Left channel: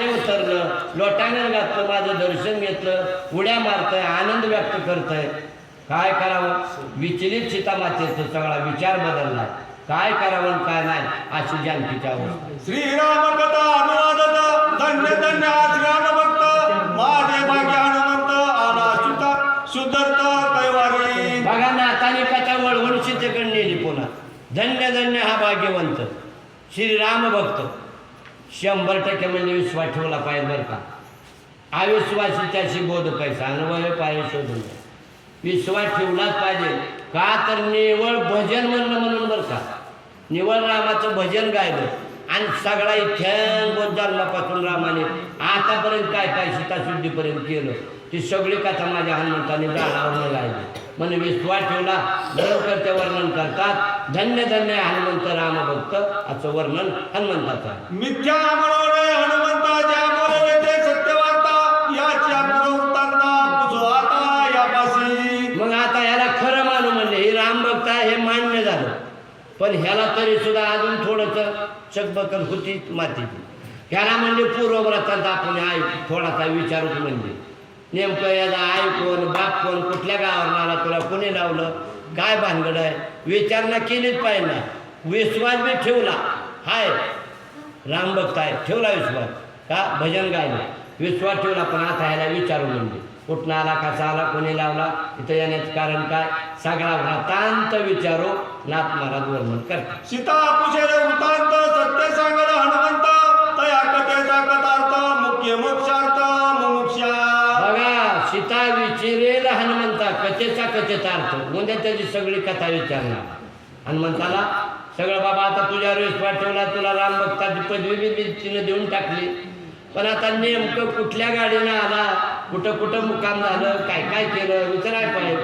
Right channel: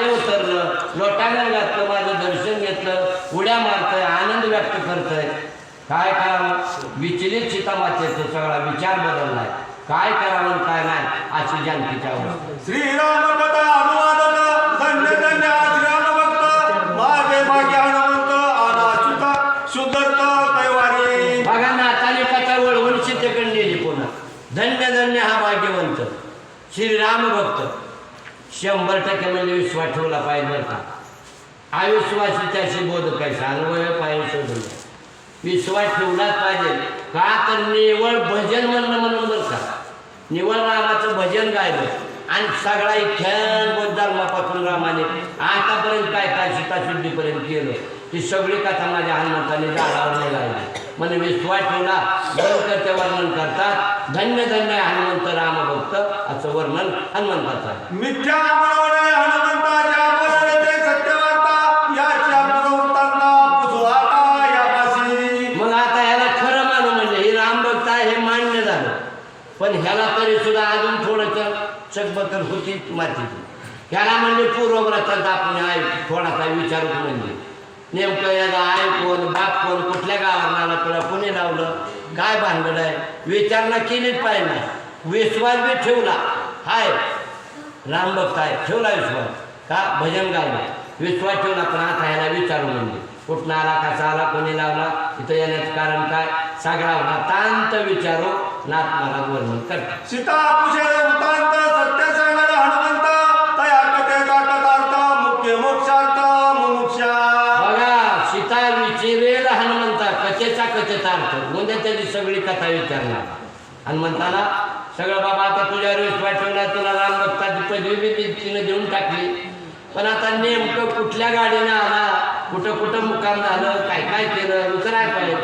पाणी उतरलं, लोटांगण घातलं, माझं दर्शन घेतलं, उड्या मारतंय, आनंद व्यक्त करतंय. काय करावं? विचलित सीतामातेचा सगळा विचार बदललाय. काय करावं काय नाही अशी जानकीच्या अवस्था. श्रीराम कथा अनुवादक धन्य धन्य श्रीराम भक्त माझे भाग्य हनुमंत आला सुता सुधरत कैवारी. बघा नाताने कथा वळवून सीतेकडे नेली पुन्हा. धन्य धन्य हा भाग्यवंत श्रीराम भक्त. 100% म्हणजे विश्वास ठेवला पाहिजे बरं का. अविश्वासी त्याशी बोध कैसा अनुभव पाहिजे शोधून विश्वास ठेवलाच पाहिजे. का तर निवळ भजन म्हणून बरं का. निवळ रामाचं भजन गायलं आणि सगळा इथ्यान जन्मापासून रामाने आतापर्यंत काय काय सीताशुद्धीपर्यंत केलं ती सगळी कथा माझ्या हनुमंताने जाणावर नाही गायली. म्हणून विश्वास ठेवला करते वर्णन करतात. धन्य धन्य हनुमंत रामभक्त असं वर्णन हनुमंताचं. मिथ्या मनोरे हनुमंताच्या मनोरे ते सत्यवार्ता याची अपूर्वतांना पुजवाता यापासी. मग आता ह्याला खरं मानू म्हणजे हे रामभक्त आहे हे मान्य झालं. पण ह्याला तरी सुद्धा अजून थोडंसं चकबकल होती मातीची. ह्याला म्हणजे पूर्वव्रतात आपण आई थोडासा विचारूच म्हणजे नेमकं याचा आई कोण बाप कोण कुठल्या गावावर आला तुला कोणी लावलं काय भानगड आहे विचारणा केलीच पाहिजे ना. विश्वास बी ठेवला हाय रामभक्त आहे ठेवला विश्वास का भजन गायलं विश्वास ठेवला. पण आता ह्याला विचारू म्हणजे कुठं आला कसा आला कोणी लावला इथं येण्याचं कारण काय सगळा वृत्तांत विचारू नाथ महाराज वर्णन करतात. सीता पुषेले वृत्तांत सत्य सांगण हनुमंत तया कथेचा कथार्थ मुख्य मोक्षार्थ मुमुक्षा. बघा सीता विचारेल हनुमंता कथेचा अर्थ म्हणजे त्याची सगळी कथा विचारणार. हनुमंताला सगळं बाबा आता तुझ्यावर विश्वास ठेवला तुला रामभक्ताची पदवी बी तिनं देऊन टाकली. पण आता नेमकं कुठल्या गाडीने आला कुठं कुठं मुक्काम झालं काय काय केलं विचारायला पाहिजे.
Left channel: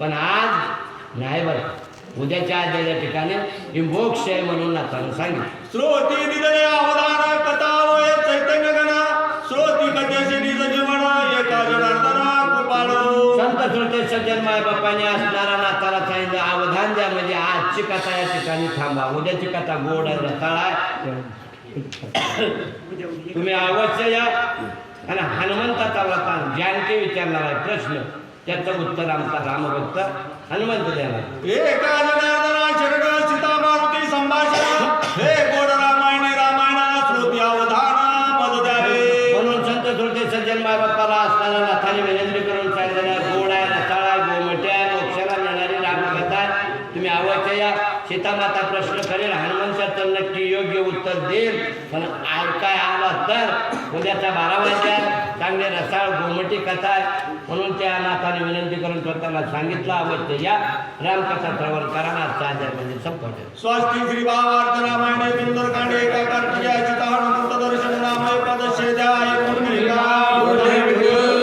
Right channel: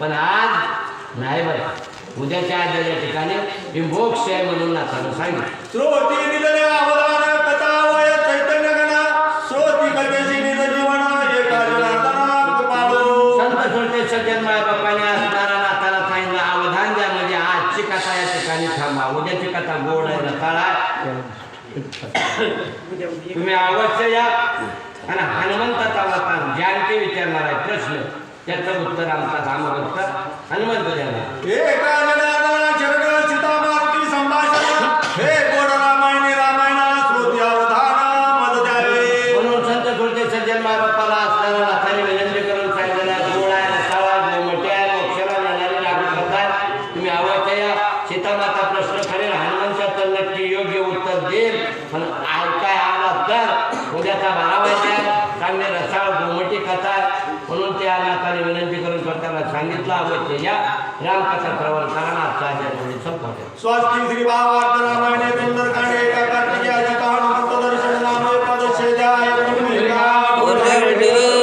पण आज नाही बरं उद्याच्या आजच्या ठिकाणी ही मोक्ष आहे म्हणून नाथानं सांगितलं. श्रोती दिलेले अवधान कथा वय चैतन्य गणा श्रोती कथेशी निज जीवन एका जनार्दना कृपाळू. संत श्रोते सज्जन माय बापाने असणारा नाथाला सांगितलं अवधान द्या म्हणजे आजची कथा या ठिकाणी थांबा उद्याची कथा गोड आहे रताळा तुम्ही अवश्य या. आणि हनुमंताचा अवतार जानकी विचारणार आहे प्रश्न त्याचं उत्तर आमचा रामभक्त हनुमंत देणार. एका जनार्दना शरण सीता मारुती संभाषण हे गोड रामायणी रामायण श्रोती अवधान मद द्यावे. म्हणून संत श्रोते सज्जन माय बाप्पाला असणारा नाथाने विनंती करून सांगितलेल्या गोड आहे रताळा गोमटी आहे मोक्षाला नेणारी रामकथा आहे. तुम्ही अवश्य या. सीतामाता प्रश्न करेल हनुमंताचं नक्की योग्य उत्तर देईल. पण काय आला तर उद्याचा 12 वाजता चांगले रसाळ गोमटी कथा आहे. म्हणून त्या नाथाने विनंती करून स्वतःला सांगितलं अवश्य या. रामकथा श्रवण करा. आजच्या आज्ञा संपवते. स्वस्ती श्री भावार्थ रामायण